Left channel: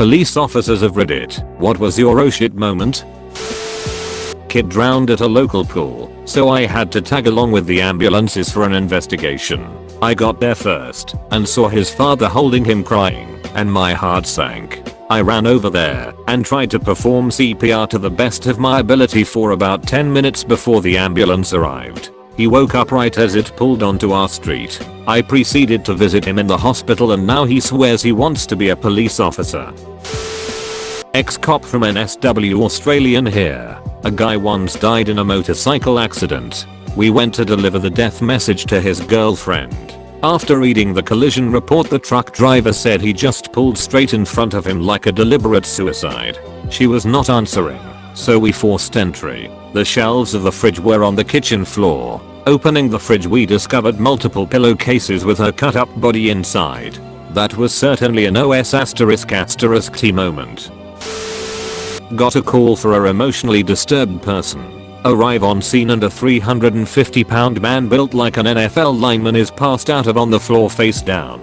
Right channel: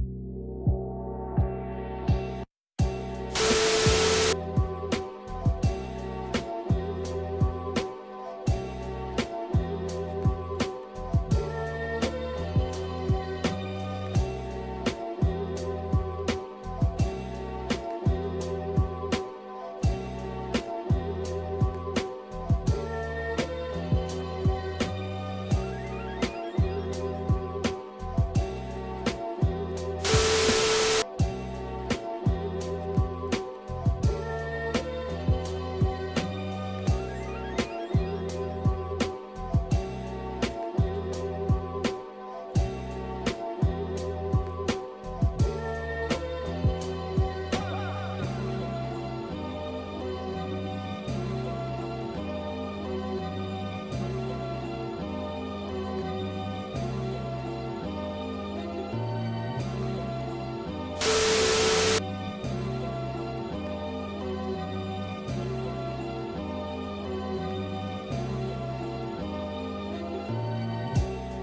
Police officers of Reddit, what was your oh shit moment? Kid drowned at a local pool, so I had to tag along with the ambulances for an investigation. I got there first and saw his father holding him crying, and my heart sank. I ran over there and tried to perform CPR to the best of my ability for about 10 minutes before the ambulance arrived. He woke up right as it pulled onto our street. I proceeded to visit him in the hospital and now he swears he wants to be a police officer. Ex-cop from NSW Australian here. A guy once died in a motorcycle accident. We went to deliver the death message to his girlfriend. After reading the collision report, the truck driver said he just pulled straight in front of him like a deliberate suicide. She was not answering, so we forced entry. The shelves of the fridge were on the kitchen floor. Opening the fridge, we discovered multiple pillowcases with her cut up body inside. That was certainly an OS***T moment. Got a call for a emotionally disturbed person. Arrive on scene and a 350-pound man built like an NFL lineman is passed out on the floor face down.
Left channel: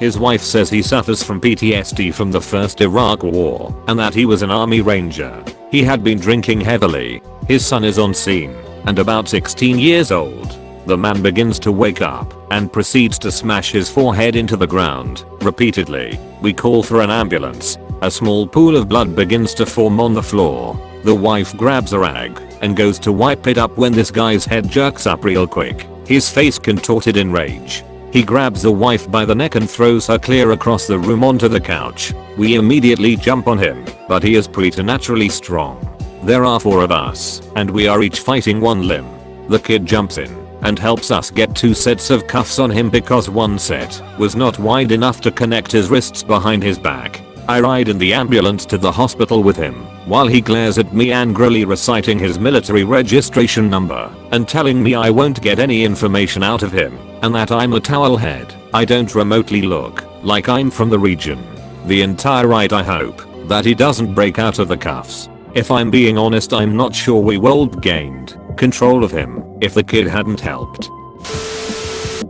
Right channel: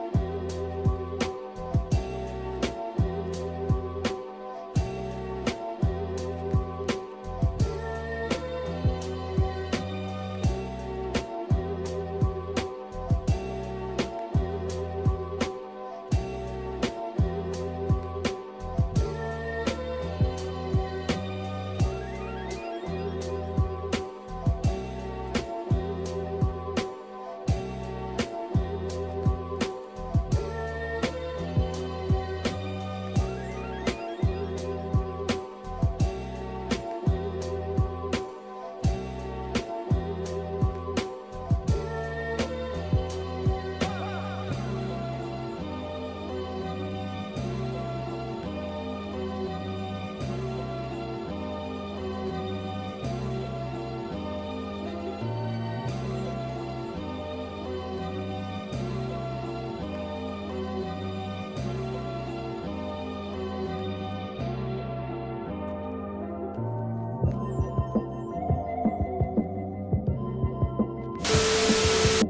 His wife says he suffers from PTSD from the first Iraq war and that he was an army ranger. He had been drinking heavily. His son is on scene and about 16 years old. The man begins to wake up and proceeds to smash his forehead into the ground repeatedly. We call for an ambulance. A small pool of blood begins to form on the floor. The wife grabs a rag and goes to wipe it up when this guy's head jerks up real quick, his face contorted in rage. He grabs the wife by the neck and throws her clear across the room onto the couch. We immediately jump on him, but he is preternaturally strong. There are 4 of us, and we are each fighting one limb. The kid jumps in and helps us get 2 sets of cuffs on him because one set was not wide enough to connect his wrists behind his back. I ride in the ambulance to the hospital with him, while he glares at me angrily, reciting his military registration number and telling me I won't get any information out of him and that I'm a towelhead. I don't remotely look like I'm from the region. The entire ride I hope that he doesn't break out of the cuffs. If I'm being honest, I'm not sure we would have gained control of him if the kid hadn't helped.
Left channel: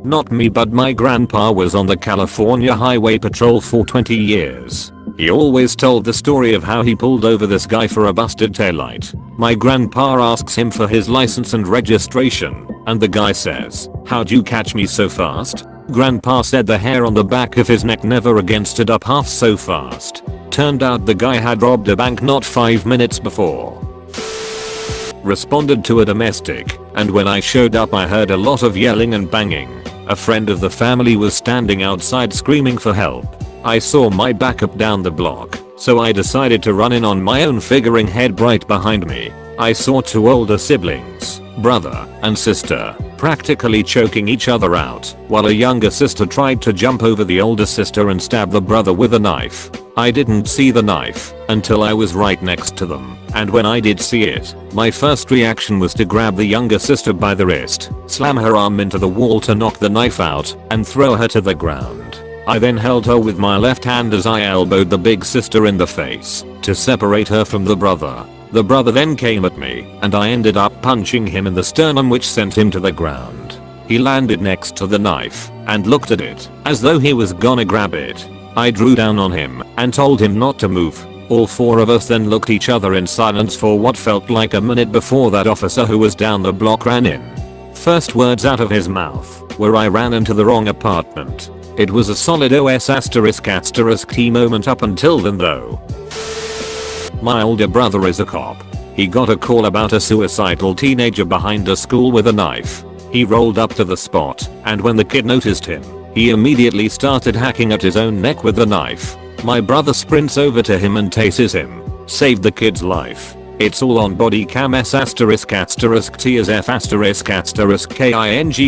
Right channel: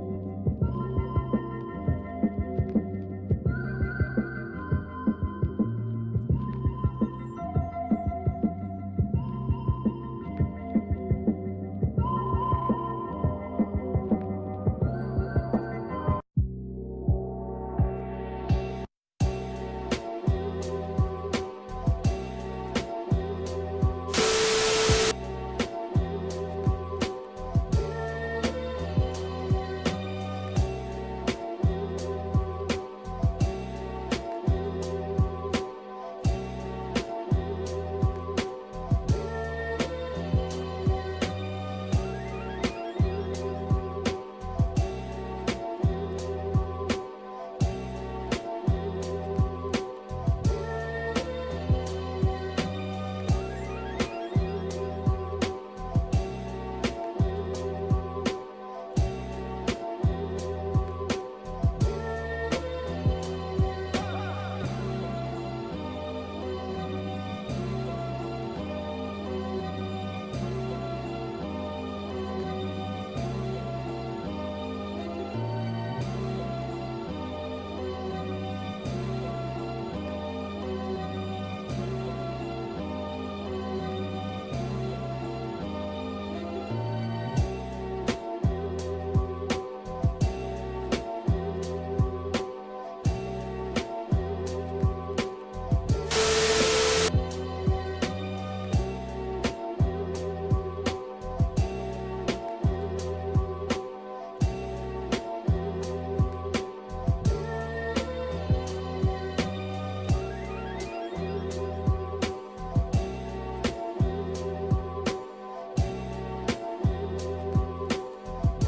Not me, but my grandpa was on the California Highway Patrol for 20 years. He always told the story of how he pulled over this guy for a busted taillight. My grandpa asks him for his license and registration, and the guy says, "How'd you catch me so fast?" Grandpa said the hair on the back of his neck never again stood up half so fast. Turned out the guy had robbed a bank not 5 minutes before. Responded to a domestic, and when I showed up I heard a lot of yelling and banging. A friend of the family was standing outside screaming for help. I saw my backup down the block, so I decided to run in on my own, figuring head right behind me. I saw 2 older siblings, brother and sister, practically choking each other out, while a younger sister tried to jump over the older sister and stab the brother with a knife. I didn't see the knife until I was right next to them, and when I did see it, my first reaction was to grab the younger sister by the wrist, slam her arm into the wall to knock the knife out, and throw her to the ground. I then held her with my left hand as I elbowed the big sister in the face to separate her from the brother. The brother then came at me, and I ended up punching him in the sternum, which sent him to the ground. He landed next to the knife and looked at it as though he was gonna grab it. I drew down on him and told him not to move. All 4 of us then looked each other in silence for what felt like a minute before that officer who was down the block ran in. First words out of his mouth were, "I ran into the wrong apartment." It was a solid OS***T moment up until then though. My older brother is a cop. He got a call about a suicidal teenager behind a school with a knife. He rolled up to the spot, and when the kid noticed him, he immediately started hacking at his own neck with the knife. My brother sprints over to him and tases him. Saved the kid's life. It's all on body cam **T***King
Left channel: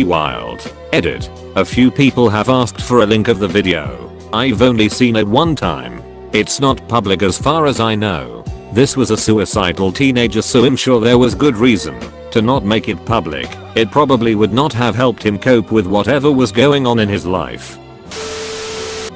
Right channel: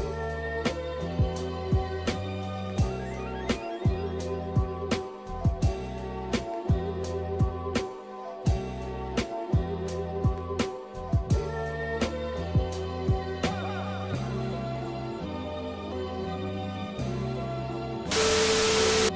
wild. Edit. A few people have asked for a link of the video. I've only seen it one time. It's not public as far as I know. This was a suicidal teenager, so I'm sure there was good reason to not make it public. It probably would not have helped him cope with whatever was going on in his life.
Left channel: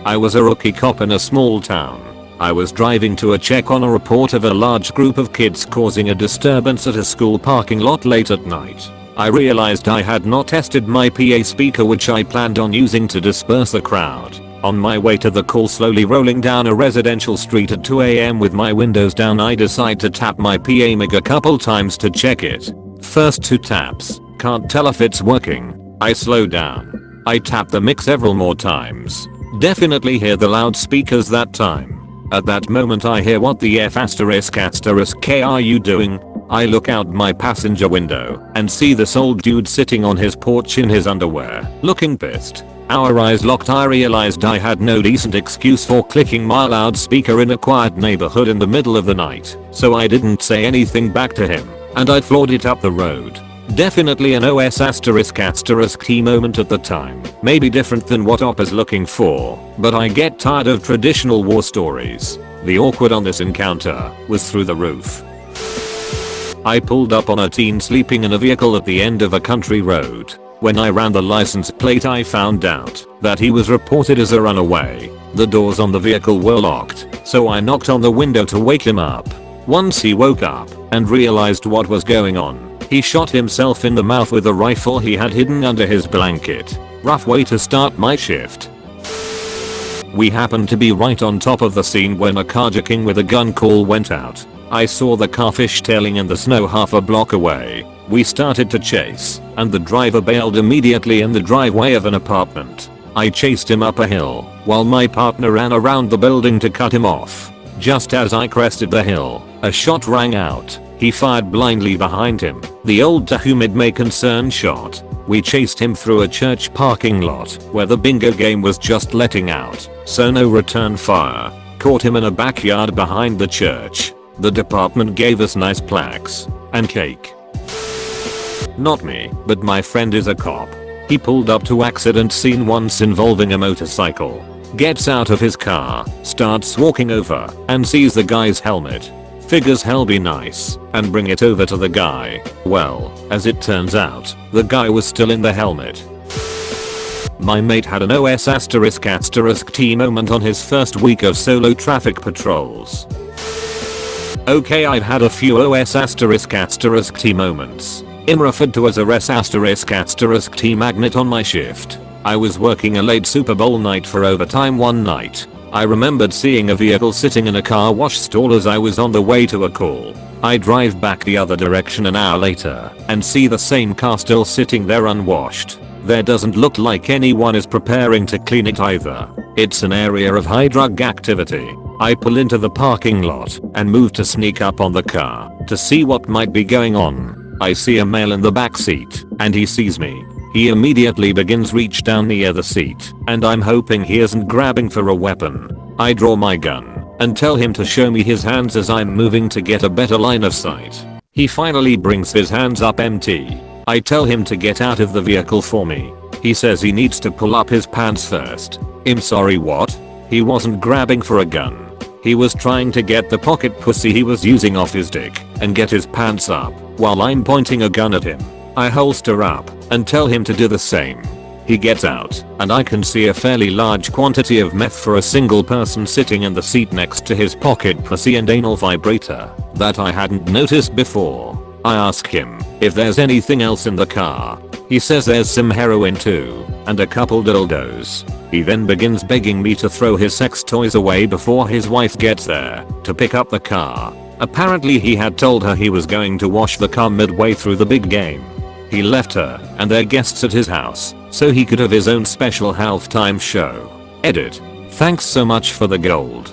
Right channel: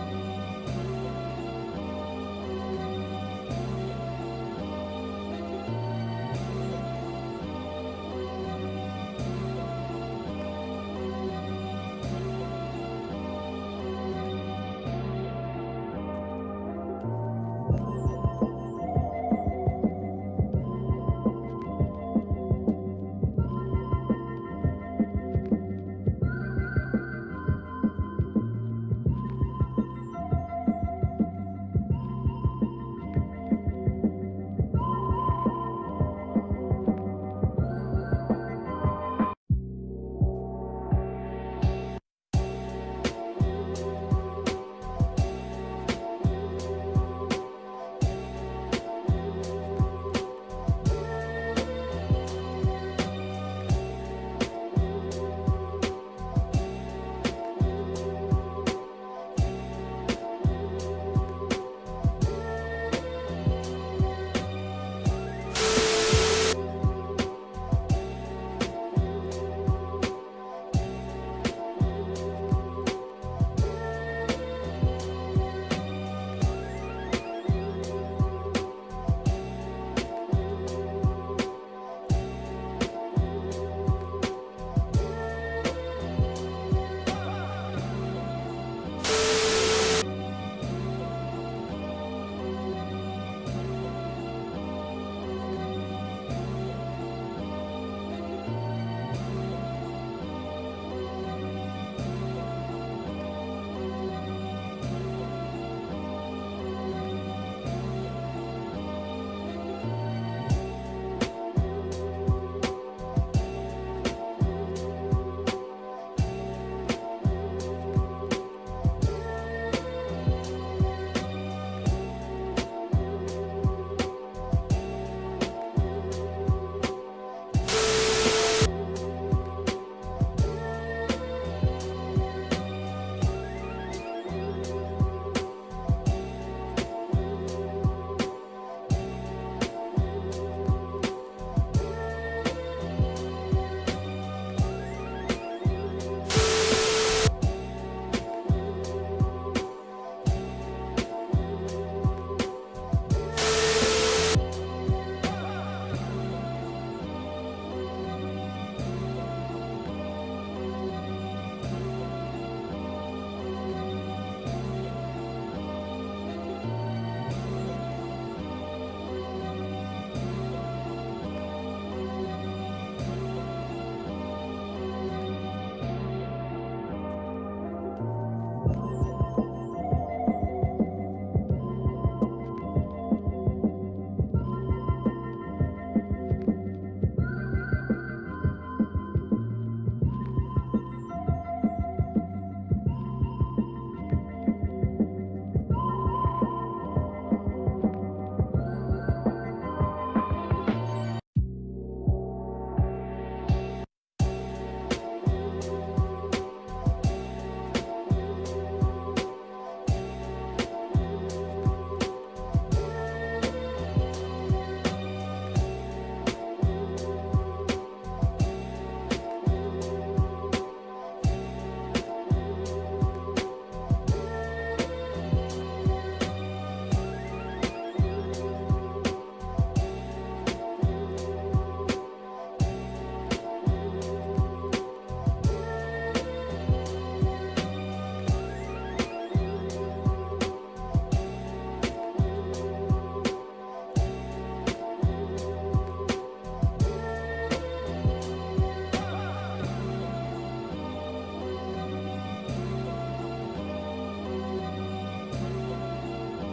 I was a rookie cop in a small town. I was driving to a check on a report of a large group of kids causing a disturbance at a school parking lot late at night. I realized I had not tested my PA speaker, which I planned on using to disperse the crowd. On my way to the call, slowly rolling down a residential street at 2 AM with my windows down, I decide to tap my PA mic a couple times to check it. First 2 taps, can't tell if it's working. I slow down. I tap the mic several more times. Definitely hear the loudspeakers that time. At that moment I hear, "What the F **K are you doing?" I look out my passenger window and see this old dude sitting on his porch in his underwear, looking pissed. Our eyes locked. I realized I had no decent excuse for clicking my loudspeaker in a quiet neighborhood in the middle of the night, so I didn't say anything back to him, and I floored it up the road. Definitely an OS**T moment at the time. Maybe different than what Op is looking for, but I get tired of traditional war stories. The awkward on this encounter was through the roof. I pulled up on a teen sleeping in a vehicle at the end of a country road. When I ran the license plate, I found out that he was reported as a runaway. The doors on the vehicle were locked, so I knocked on the window to wake him up. Once he woke up and realized what was going on, he shot himself in the mouth with a rifle he had hidden under his blanket. Rough way to start my shift. We happened to be right on top of the scene when a carjacking with a gun call went out. I saw the car fishtailing in the snow half a block away. We started to chase, and the driver bailed immediately in the driveway of an apartment. I chased him up a hill, while my partner ran around the building to cut him off. Just as I crested the hill, a shot rang out. He fired blindly behind him, the old "to whom it may concern" shot. We chased him through a church parking lot where the bingo game was just letting out, so no return fire. Caught him in a backyard behind the church. The department gave us nice plaques and cake. Not me, but my friend is a cop. He pulled up to accident scene once involving a motorcycle. Gets out of his car, starts walking over, and sees the guy's helmet. Figures hell be nice, and bring it over to the guy. Well, as it turns out, the guy was still in the helmet. My mate had an OS**T moment on his first week of solo traffic patrols. Okay, I've had a few OS**T moments. I'm referred to as a res**T magnet on my shift. I was working a late Super Bowl night for overtime one night. I remembered seeing a vehicle sitting in a car wash stall as I was on the way to a call. I drive back the other direction an hour later and see the same car still sitting there unwashed. There doesn't look like anyone is preparing to clean it either. It's an area of high drug activity. I pull into the parking lot and move to sneak up on the car to see what might be going on. I see a male in the back seat and he sees me. He immediately begins reach down near the seat, and I'm hoping he isn't grabbing for a weapon. I draw my gun and tell him to show me his hands as I'm moving to get a better line of sight. He finally brings his hands up empty. I tell him to get out of the vehicle for me. He says he needs to pull up his pants first. I'm sorry, what? He wasn't grabbing for a gun. He was trying to get the pocket pussy he was using off his dick and get his pants up while I'm pointing a gun at him. I holster up and tell him to do the same. He gets out and I can see a fairly large quantity of meth for a single person sitting in the seat next to his pocket pussy and anal vibrator that I hadn't noticed before. I ask him if there's anything else in the car. He says there's some heroin too and a couple dildos. He then begins begging me to throw his sex toys away before his wife gets there to pick up the car. Apparently he had told her he was going to wash the car midway through the big game. He left her and their guests at his house so he could have his own special halftime show. Edit. Thanks so much for the gold.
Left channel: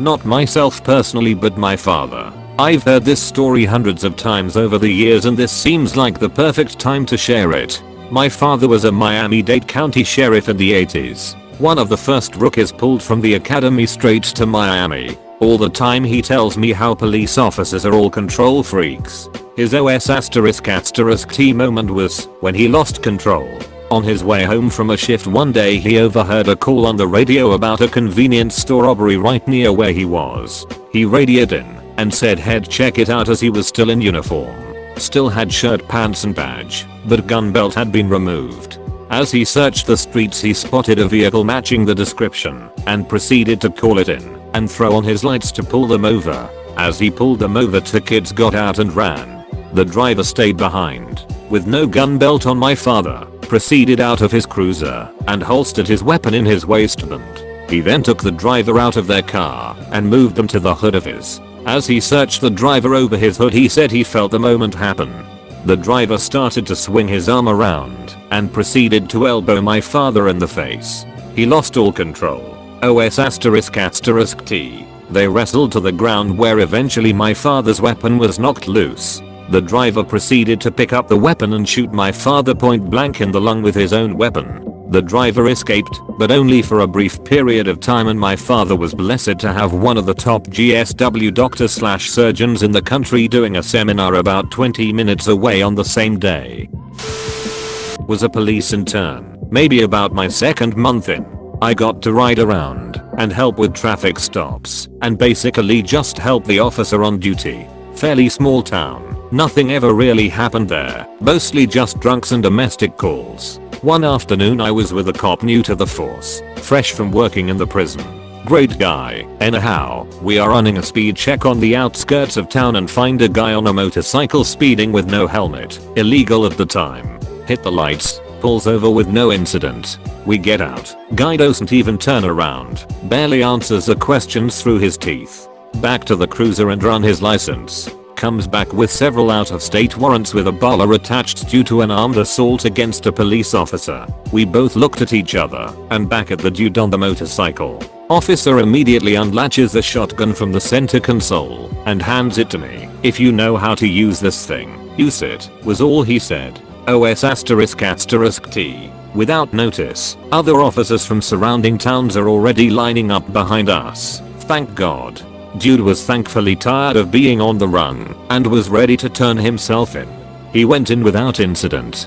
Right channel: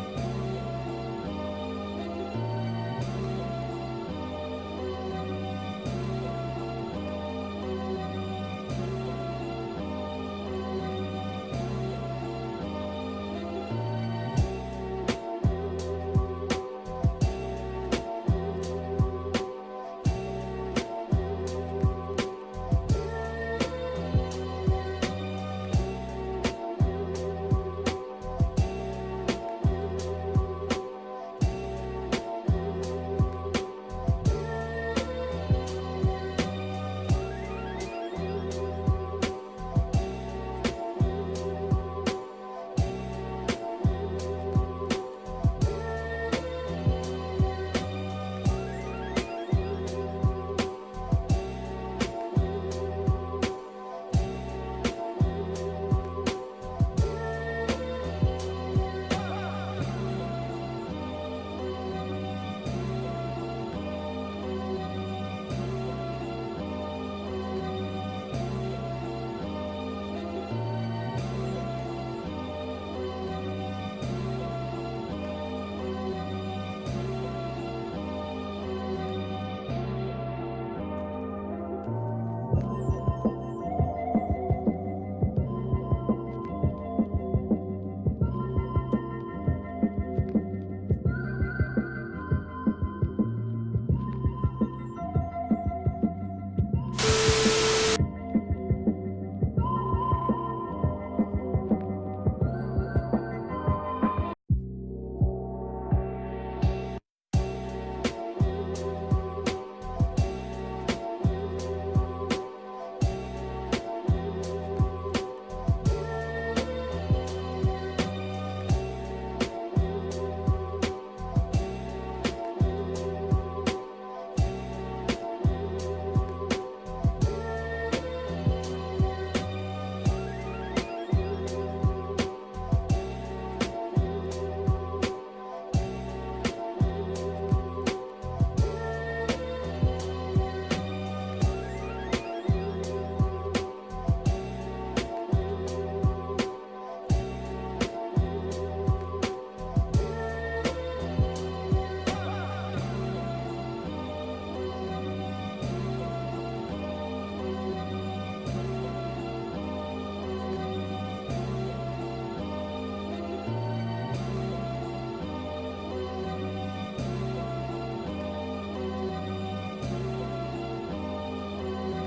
Not myself personally, but my father. I've heard this story hundreds of times over the years and this seems like the perfect time to share it. My father was a Miami-Dade County sheriff in the 80s. One of the first rookies pulled from the academy straight to Miami. All the time he tells me how police officers are all control freaks. His OS**T moment was when he lost control. On his way home from a shift one day, he overheard a call on the radio about a convenience store robbery right near where he was. He radioed in and said he'd check it out as he was still in uniform. Still had shirt, pants and badge, but gun belt had been removed. As he searched the streets, he spotted a vehicle matching the description and proceeded to call it in and throw on his lights to pull them over. As he pulled them over, two kids got out and ran. The driver stayed behind with no gun belt on. My father proceeded out of his cruiser and holstered his weapon in his waistband. He then took the driver out of their car and moved them to the hood of his. As he searched the driver over his hood, he said he felt the moment happen. The driver started to swing his arm around and proceeded to elbow my father in the face. He lost all control. OS***T. They wrestled to the ground, where eventually my father's weapon was knocked loose. The driver proceeded to pick up the weapon and shoot my father point blank in the lung with his own weapon. The driver escaped, but only for a brief period of time, and my father was blessed to have one of the top GSW doctors/surgeons in the country doing a seminar about 20 minutes away on the same day. Was a police intern, maybe about my second month in. I got to ride around and help with traffic stops and basically just help the officer on duty. Fairly small town. Nothing ever really happened there, mostly just drunks and domestic calls. One afternoon I was with a cop new to the force, fresh from working in the prison. Great guy. Anyhow, we are running a speed check on the outskirts of town and find a guy on a motorcycle speeding with no helmet, illegal at the time. Hit the lights, pulls over with no incident. We get out. Guy doesn't even turn around, barely answers the questions through his teeth. Back to the cruiser and run his license. Comes back with several out-of-state warrants with a baller attached due to an armed assault against a police officer. We both looked at each other and back at the dude on the motorcycle. Officer immediately unlatches the shotgun from the center console and hands it to me. "If you know how to use this thing, use it," was all he said. OS***T. Without notice, other officers from surrounding towns are already lining up behind us. Thank God. Dude was thankfully tired of being on the run and was ready to turn himself in. He went in without incident.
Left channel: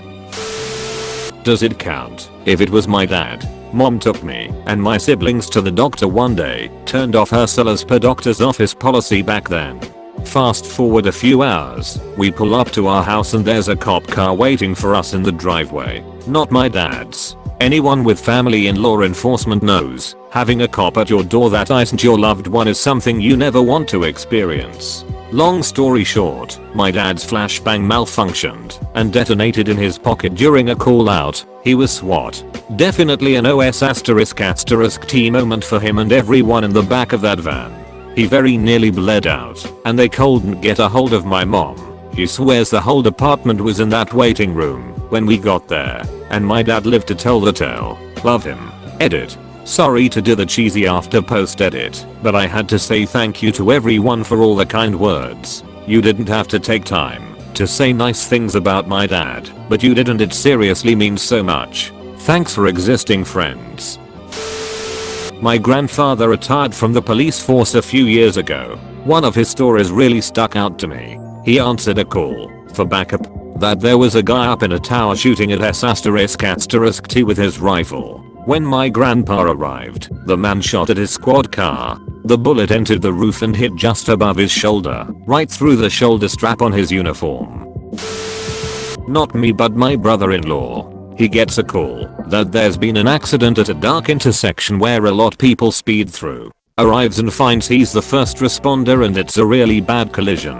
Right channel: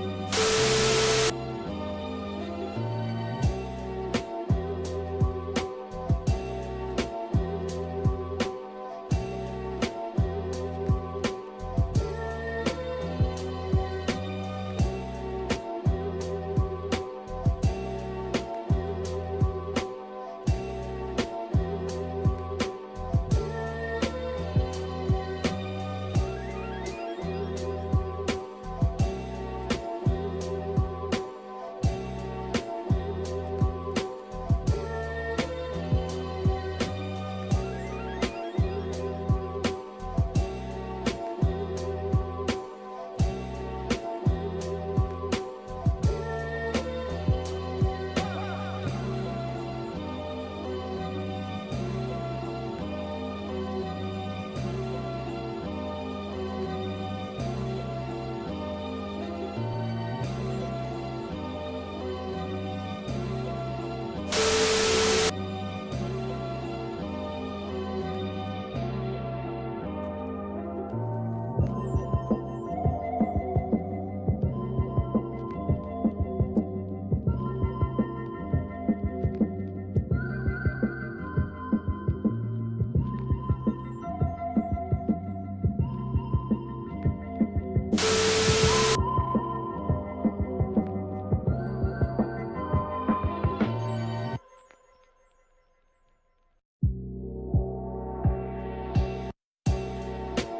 Does it count if it was my dad? Mom took me and my siblings to the doctor one day, turned off her cell as per doctor's office policy back then. Fast forward a few hours, we pull up to our house and there's a cop car waiting for us in the driveway. Not my dad's. Anyone with family in law enforcement knows, having a cop at your door that isn't your loved one is something you never want to experience. Long story short, my dad's flashbang malfunctioned and detonated in his pocket during a call out. He was SWAT. Definitely an OS***T moment for him and everyone in the back of that van. He very nearly bled out, and they couldn't get a hold of my mom. He swears the whole department was in that waiting room when we got there, and my dad lived to tell the tale. Love him. Edit. Sorry to do the cheesy after post edit, but I had to say thank you to everyone for all the kind words. You didn't have to take time to say nice things about my dad, but you did, and it seriously means so much. Thanks for existing, friends. My grandfather retired from the police force a few years ago. One of his stories really stuck out to me. He answered a call for backup that there was a guy up in a tower shooting at S***T with his rifle. When my grandpa arrived, the man shot at his squad car. The bullet entered the roof and hit just above his shoulder, right through the shoulder strap on his uniform. Not me, but my brother-in-law. He gets a call that there's been an accident at a dark intersection where a lot people speed through. Arrives and finds he's the first responder and it's a really bad collision.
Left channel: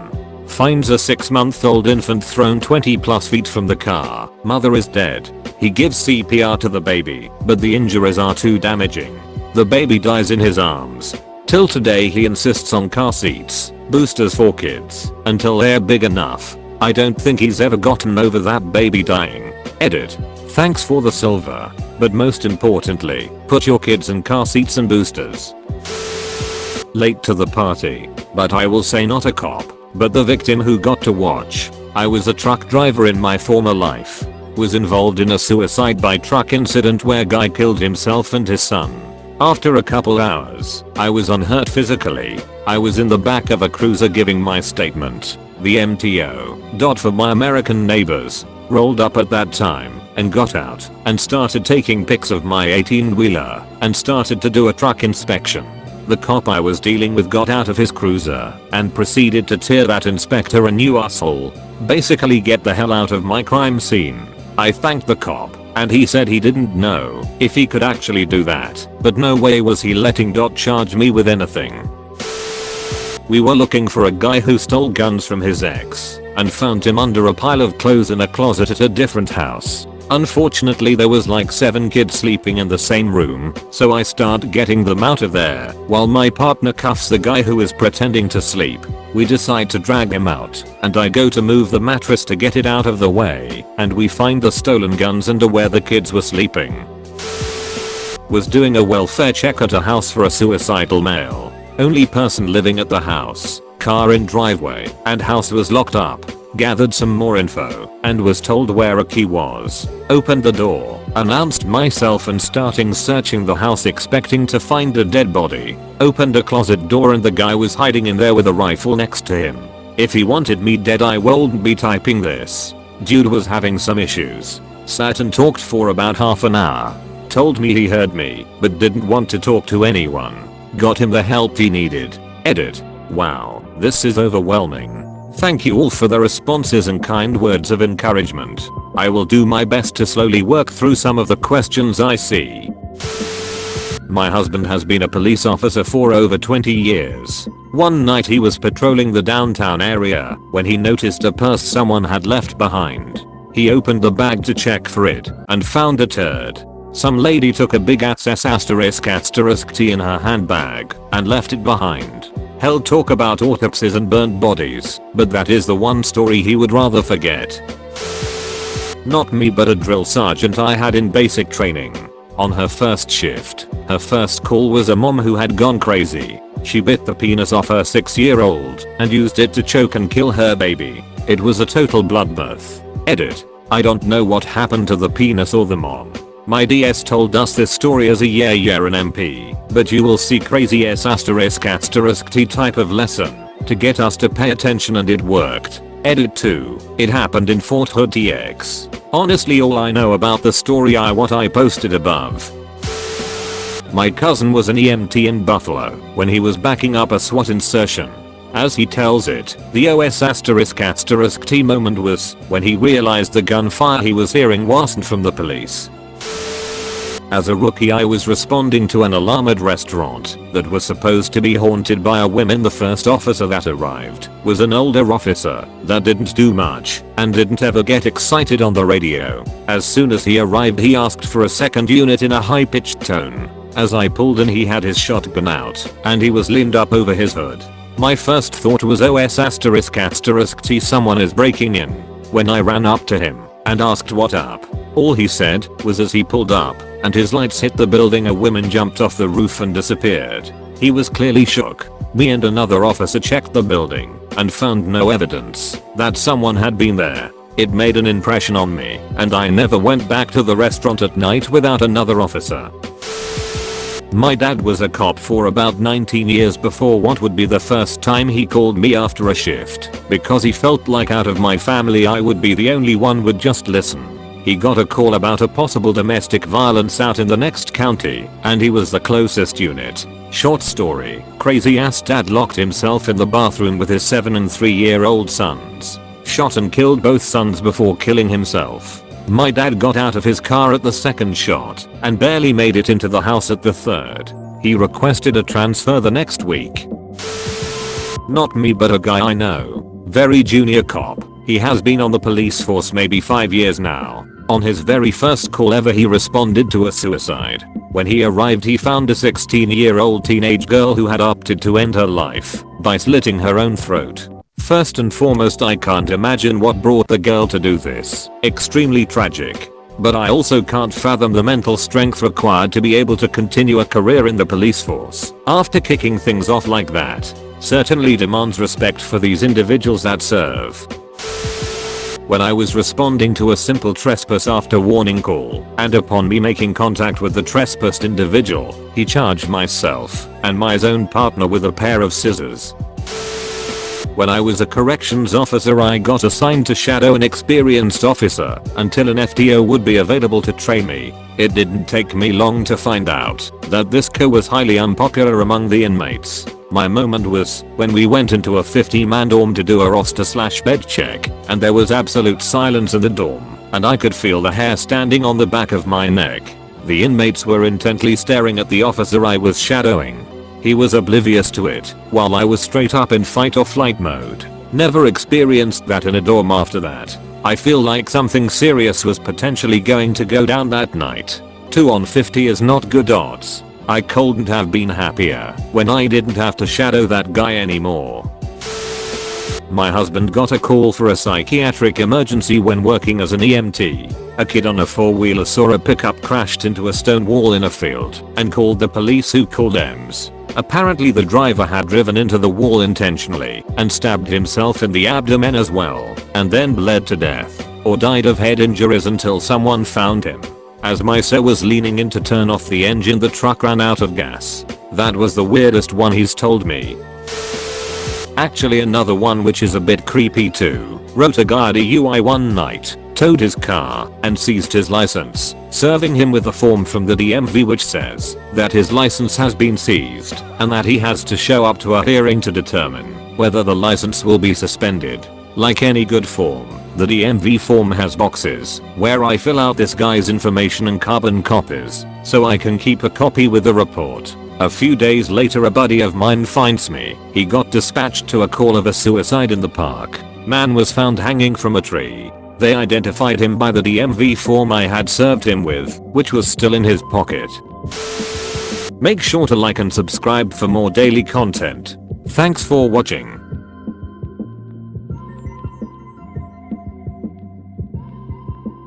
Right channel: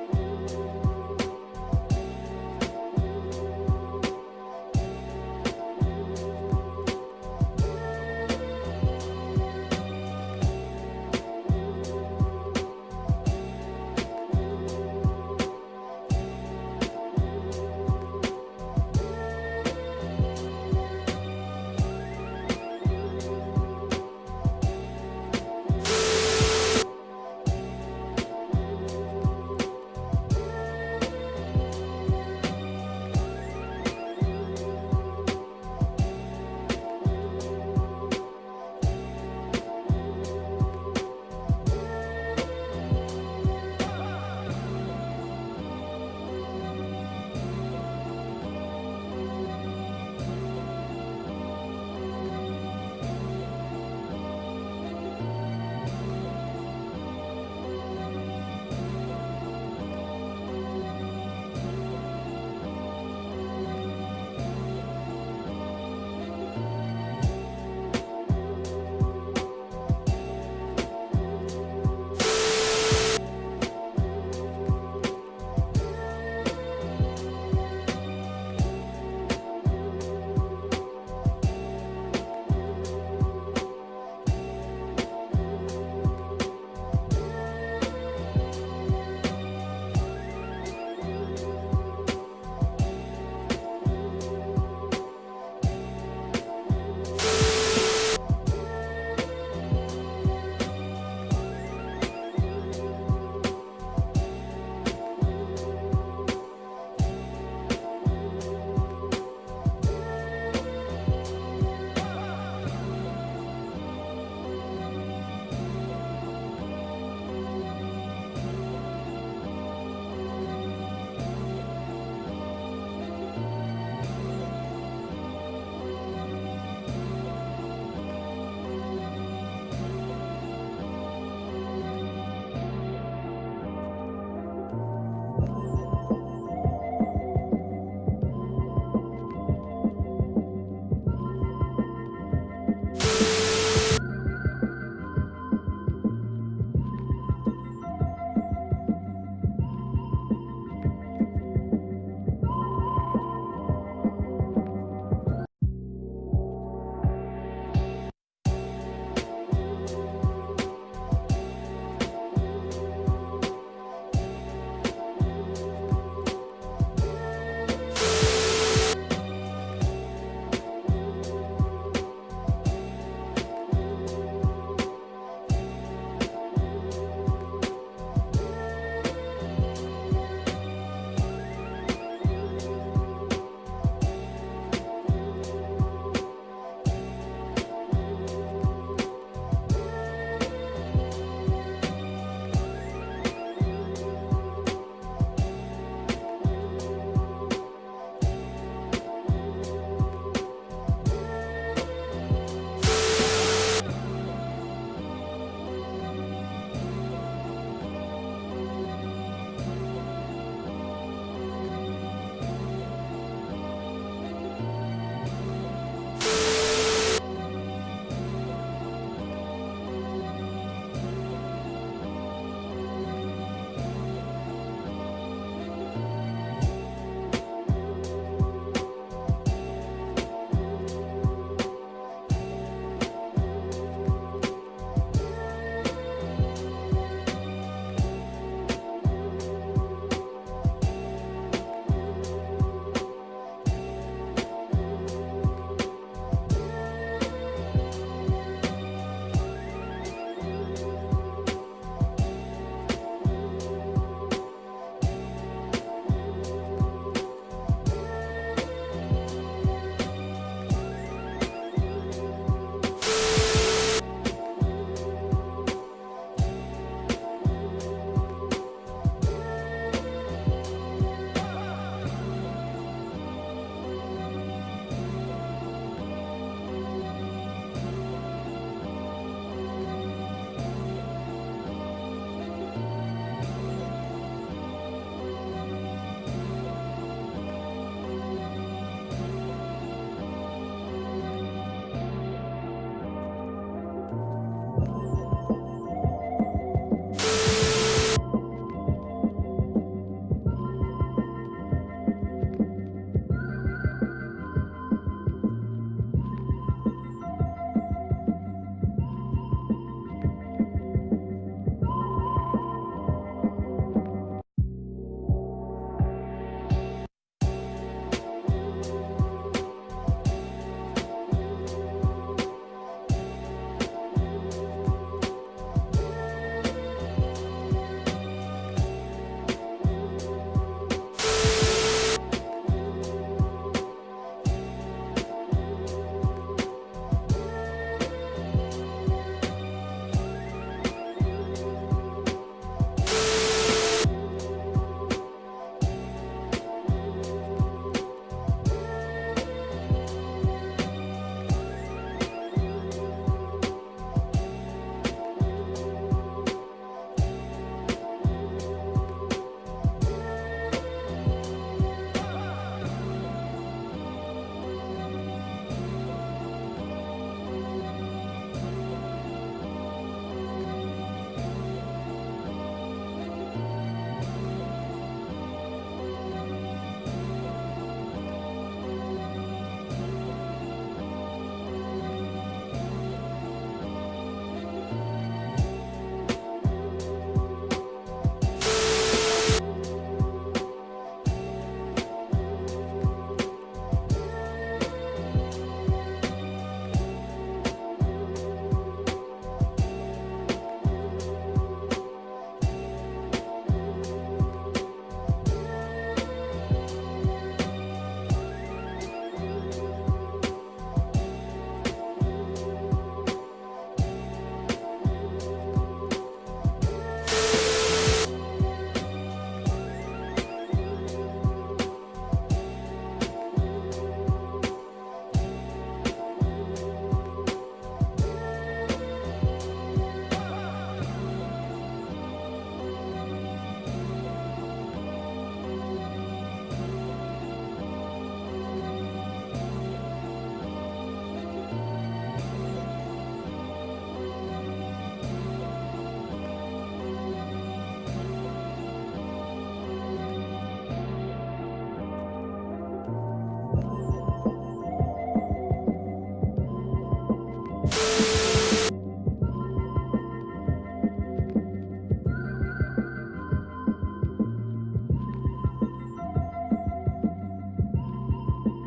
Finds a 6-month-old infant thrown 20+ feet from the car. Mother is dead. He gives CPR to the baby, but the injuries are too damaging. The baby dies in his arms. Till today he insists on car seats, boosters for kids, until they're big enough. I don't think he's ever gotten over that baby dying. Edit. Thanks for the silver, but most importantly, put your kids in car seats and boosters. Late to the party, but I will say not a cop, but the victim who got to watch. I was a truck driver in my former life. Was involved in a suicide by truck incident where guy killed himself and his son. After a couple hours, I was unhurt physically. I was in the back of a cruiser giving my statement. The MTO. For my American neighbors. Rolled up at that time and got out and started taking pics of my 18-wheeler and started to do a truck inspection. The cop I was dealing with got out of his cruiser and proceeded to tear that inspector a new asshole. Basically get the hell out of my crime scene. I thanked the cop and he said he didn't know if he could actually do that, but no way was he letting charge me with anything. We were looking for a guy who stole guns from his ex and found him under a pile of clothes in a closet at a different house. Unfortunately there was like 7 kids sleeping in the same room, so I start getting them out of there while my partner cuffs the guy who is pretending to sleep. We decide to drag him out and I go to move the mattress to get it out of the way, and we find the stolen guns under where the kids were sleeping. Was doing a welfare check at a house for a suicidal male. Only person living at the house, car in driveway, and house was locked up. Gathered some more info and was told where a key was. Opened the door, announced myself and starting searching the house expecting to find a dead body. Opened a closet door and the guy was hiding in there with a rifle next to him. If he wanted me dead I wouldn't be typing this. Dude was having some issues. Sat and talked for about half an hour. Told me he heard me but didn't want to talk to anyone. Got him the help he needed. Edit. Wow, this is overwhelming. Thank you all for the responses and kind words of encouragement. I will do my best to slowly work through some of the questions I see. My husband has been a police officer for over 20 years. One night he was patrolling the downtown area when he noticed a purse someone had left behind. He opened the bag to check for it and found a turd. Some lady took a big ass **T in her handbag and left it behind. Hell, talk about autopsies and burnt bodies, but that is the one story he would rather forget. Not me but a drill sergeant I had in basic training. On her first shift, her first call was a mom who had gone crazy. She bit the penis off her 6-year-old and used it to choke and kill her baby. It was a total bloodbath. Edit. I don't know what happened to the penis or the mom. My DS told us this story as a year an MP, but you will see crazy **T type of lesson to get us to pay attention and it worked. Edit 2. It happened in Fort Hood TX. Honestly all I know about the story are what I posted above. My cousin was an EMT in Buffalo when he was backing up a SWAT insertion. As he tells it, the **T moment was when he realized the gunfire he was hearing wasn't from the police. As a rookie I was responding to an alarm at restaurant that was supposed to be haunted by a woman. The first officer that arrived was an older officer that didn't do much and didn't ever get excited on the radio. As soon as he arrived he asked for a second unit in a high-pitched tone. As I pulled in he had his shotgun out and he was leaned up over his hood. My first thought was **T someone is breaking in. When I ran up to him and asked what up, all he said was as he pulled up and his lights hit the building a woman jumped off the roof and disappeared. He was clearly shook. Me and another officer checked the building and found no evidence that someone had been there. It made an impression on me and I never went back to the restaurant at night without another officer. My dad was a cop for about 19 years before what would be the first time he called me after a shift because he felt like out of my family I would be the only one would just listen. He got a call about a possible domestic violence out in the next county and he was the closest unit. Short story, crazy ass dad locked himself in the bathroom with his 7 and 3-year-old sons. Shot and killed both sons before killing himself. My dad got out of his car at the second shot and barely made it into the house at the third. He requested a transfer the next week. Not me but a guy I know. Very junior cop. He has been on the police force maybe 5 years now. On his very first call ever he responded to a suicide. When he arrived he found a 16-year-old teenage girl who had opted to end her life by slitting her own throat. First and foremost I can't imagine what brought the girl to do this. Extremely tragic. But I also can't fathom the mental strength required to be able to continue a career in the police force after kicking things off like that. Certainly demands respect for these individuals that serve. When I was responding to a simple trespass after warning call, and upon me making contact with the trespassed individual, he charged myself and my own partner with a pair of scissors. When I was a corrections officer I got assigned to shadow an experienced officer until an FTO would be available to train me. It didn't take me long to find out that this co was highly unpopular among the inmates. My moment was when we went into a 50-man dorm to do a roster/bed check and there was absolute silence in the dorm and I could feel the hair standing on the back of my neck. The inmates were intently staring at the officer I was shadowing. He was oblivious to it while I was straight up in fight or flight mode. Never experienced that in a dorm after that. I feel like something serious was potentially going to go down that night. 2 on 50 is not good odds. I couldn't have been happier when I didn't have to shadow that guy anymore. My husband got a call for a psychiatric emergency when working as an EMT. A kid on a 4-wheeler saw a pickup crashed into a stone wall in a field and called the police, who called EMS. Apparently the driver had driven into the wall intentionally and stabbed himself in the abdomen as well, and then bled to death or died of head injuries until someone found him. As my sir was leaning in to turn off the engine, the truck ran out of gas. That was the weirdest one he's told me. Actually, another one which is a bit creepy too. Wrote a guy a DUI one night, towed his car, and seized his license, serving him with a form from the DMV which says that his license has been seized and that he has to show up to a hearing to determine whether the license will be suspended. Like any good form, the DMV form has boxes where I fill out this guy's information and carbon copies so I can keep a copy with the report. A few days later, a buddy of mine finds me. He got dispatched to a call of a suicide in the park. Man was found hanging from a tree. They identified him by the DMV form I had served him with, which was still in his pocket. Make sure to like and subscribe for more daily content. Thanks for watching.